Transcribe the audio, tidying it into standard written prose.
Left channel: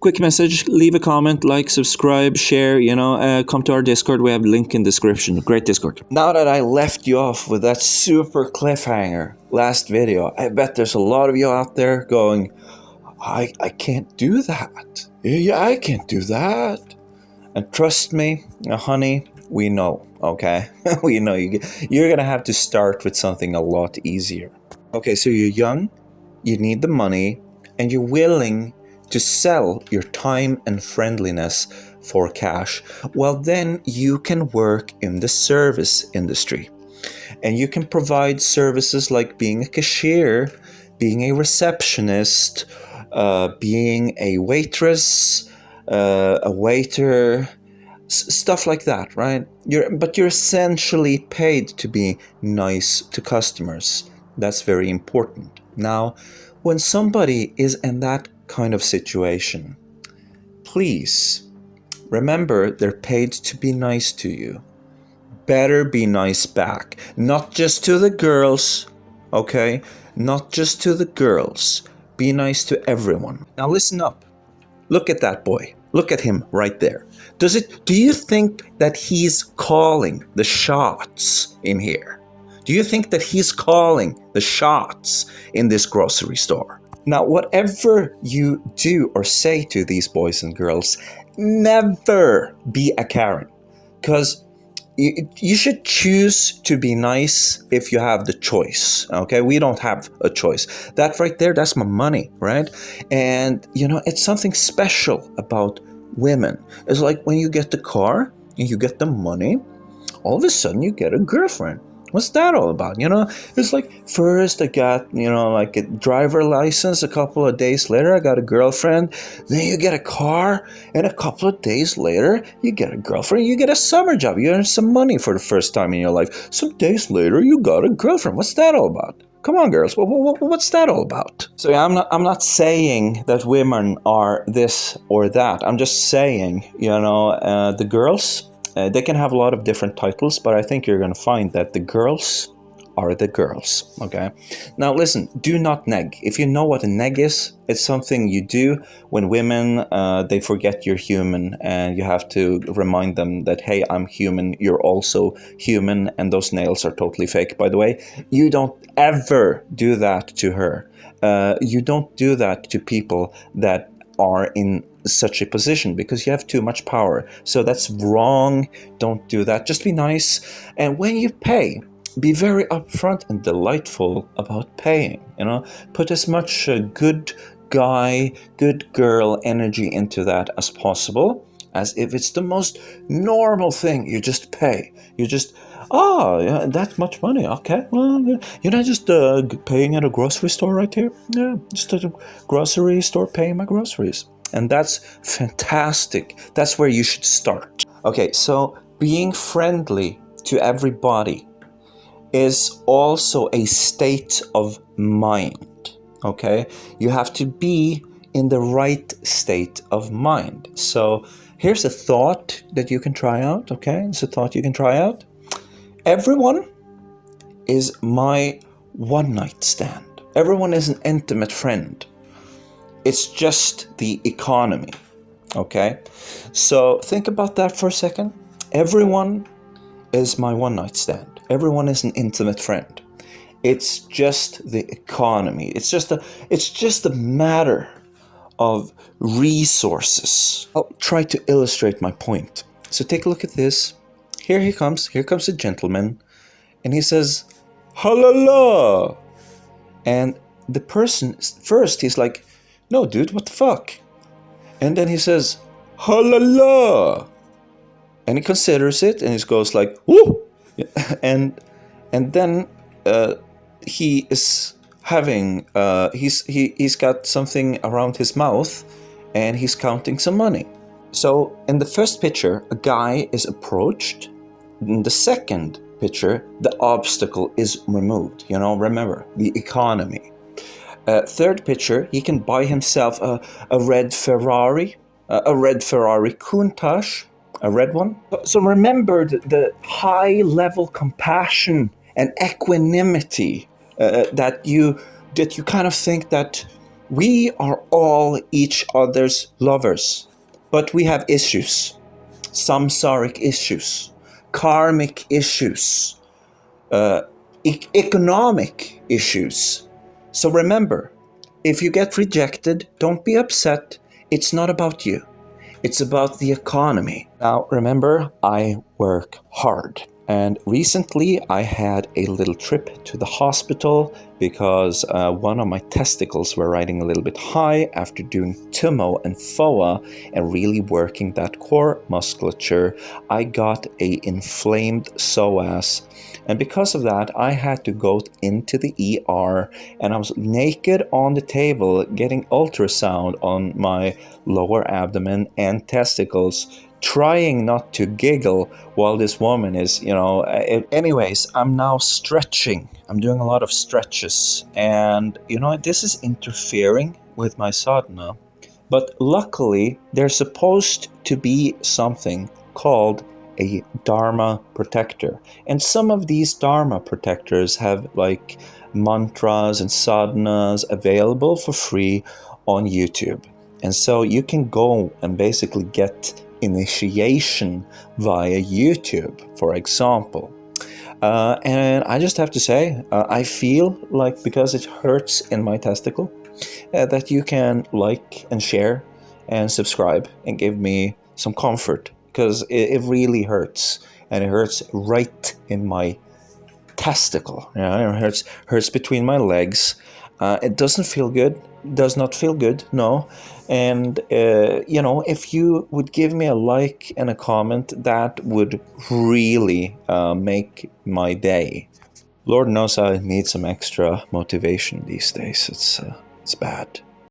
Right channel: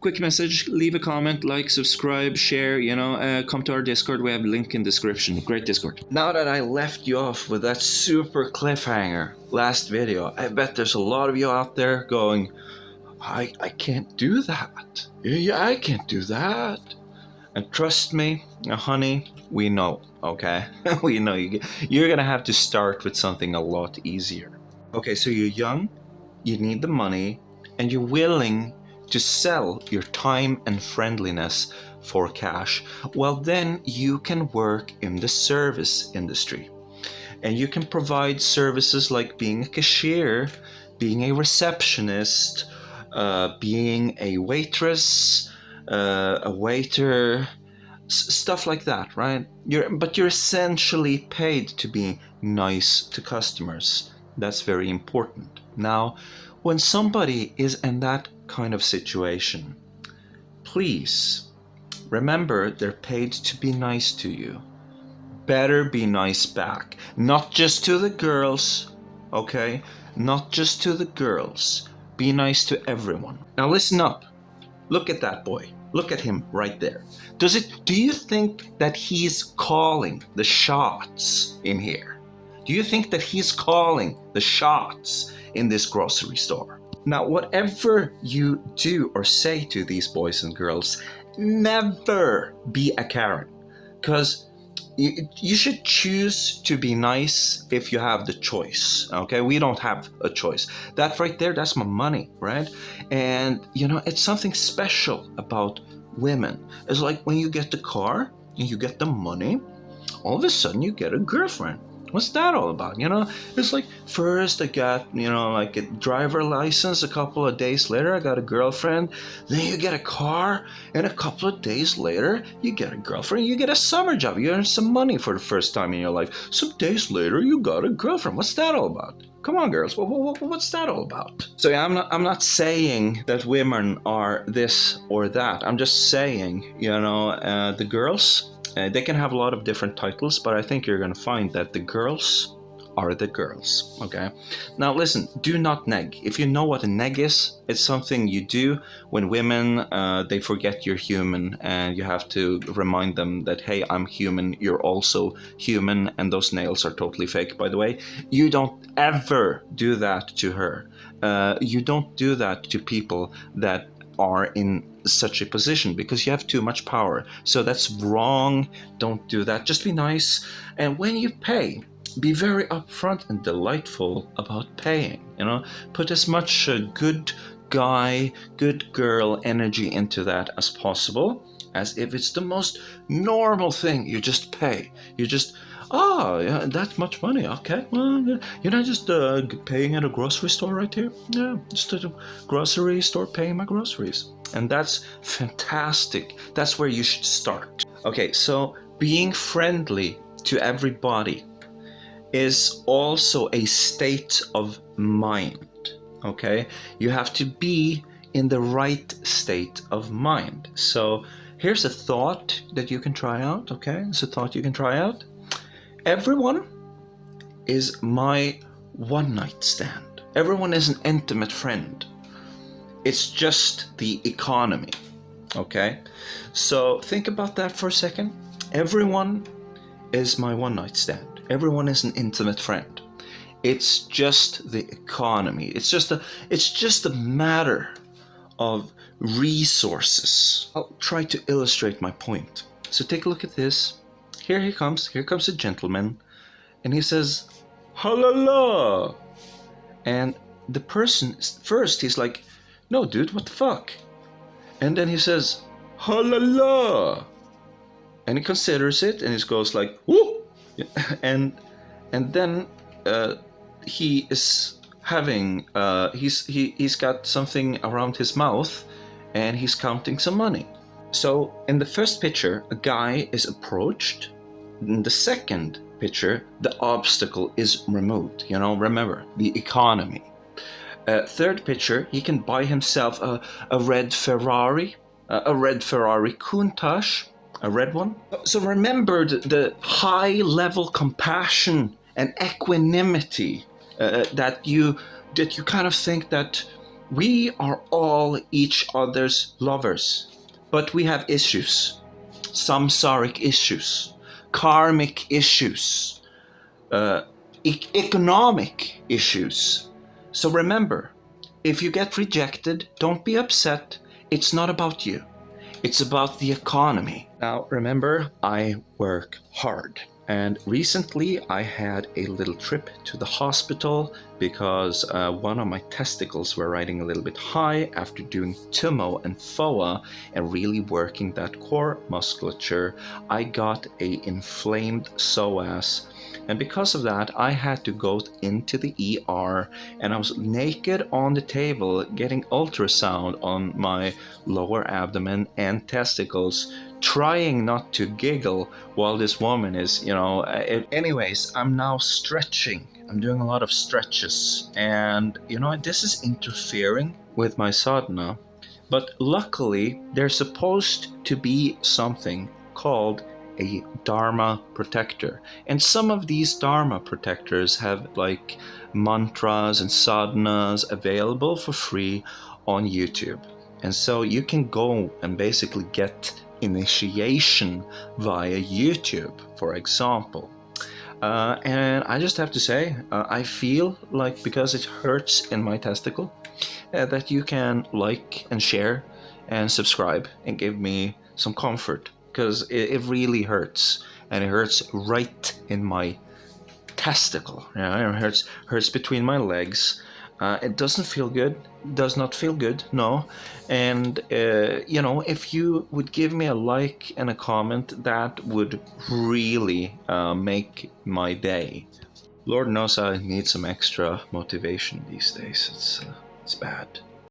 quick message, leave a comment, like, subscribe, share, come to our Discord. We have a link in the description. Great Discord. Now that I left you off with that super cliffhanger last video, I bet there's a lot of you out there going, I can't do that. Yeah, I can't do that. And trust me, honey, we know, okay? We know you're gonna have to start with something a lot easier. Okay, so you're young, you need the money, and you're willing to sell your time and friendliness for cash. Well, then you can work in the service industry. And you can provide services like being a cashier, being a receptionist, being a waitress, a waiter, stuff like that, right? But you're essentially paid to be nice to customers. That's very important. Now, when somebody is in that kind of situation, please remember they're paid to be nice to you. Better be nice back. Not just to the girls, okay? Not just to the girls. Be nice to everyone. Now listen up. Look at that boy. Look at him right there. Do you think that he's calling the shots in here? Do you think that he's calling the shots in this grocery store? Now, whatever you do or say to these boys and girls, never be a Karen. Because you should choose to be nice if you have the choice, okay? We don't have a choice. That right there, that's my money, right? And, it's something special about women. It's like when you get the car and you get the money, all of a sudden you get a girlfriend. What's that all about? It's like first I got, like a driver license. A couple of days later, I got a girlfriend. Then you get a car. And a couple of days later, you get a girlfriend. You get a summer job. You earn some money for the first time in your life. Some days later, you got a girlfriend. What's that all about? Come on, girls. What's that all about? So yeah, I'm not saying that women are this or that. I'm just saying, the girls, they can have a lot of different titles, but I think you're going to find that the girls are the girls, okay? Now listen, do not neg. If you know what a neg is, it's something you do when women, they forget you're human, and you have to remind them that, hey, I'm human, you're also human, and those nails are totally fake, by the way. You don't ever do that to her. You don't do that to people that are in such a position, because you have too much power. So that's wrong. Don't do that. Just be nice. And when you pay, be very upfront and delightful about paying. Put as much good guy, good girl energy into that as possible, as if it's the most normal thing. You just pay. You just, yeah, that much money. Okay, well, you're not just paying at a grocery store right here. Yeah, just at a grocery store paying my groceries. And that's fantastic. That's where you should start. Okay, so being friendly to everybody is also a state of mind, okay? You have to be in the right state of mind. So here's a thought that you can try out, okay? It's a thought you can try out. Everyone is my one-night stand. Everyone is an intimate friend. It's just the economy, okay? So think about that for a second. Everyone is my one-night stand. Everyone is an intimate friend. It's just the economy. It's just a matter of resources. I'll try to illustrate my point. So take a look at this. Here he comes. Here comes a gentleman, and he says, "Halala." And the person first, he's like, "No, dude, what the fuck?" And then he says, "Halala." And he considers it, and he goes like, "Woo!" And then he is having he's got something around his mouth, and he's counting some money. So in the first picture, a guy is approached. In the second picture, the obstacle is removed. Remember the economy. Third picture, he can buy himself a red Ferrari, Countach, a red one. So remember the high-level compassion and equanimity that you kind of think that We are all each other's lovers, but we have issues, samsaric issues, karmic issues, economic issues. So remember, if you get rejected, don't be upset. It's not about you. It's about the economy. Now, remember, I work hard. And recently I had a little trip to the hospital because one of my testicles were riding a little bit high after doing TUMO and FOA and really working that core musculature. I got a inflamed psoas. And because of that, I had to go into the ER, and I was naked on the table getting ultrasound on my lower abdomen and testicles, trying not to giggle while this woman is, anyways, I'm now stretching. I'm doing a lot of stretches, and this is interfering with my sadhana. But luckily, there's supposed to be something called a Dharma protector. And some of these Dharma protectors have like mantras and sadhanas available for free on YouTube. And so you can go and basically get initiation via YouTube, for example. And I just have to say, I feel like because it hurts in my testicle, that you can like and share and subscribe and give me some comfort, because it really hurts, and it hurts right in my testicle. It hurts between my legs. It doesn't feel good. Does not feel good. No. And if you would give me a like and a comment, that would really make my day. Lord knows I need some extra motivation these days. It's bad.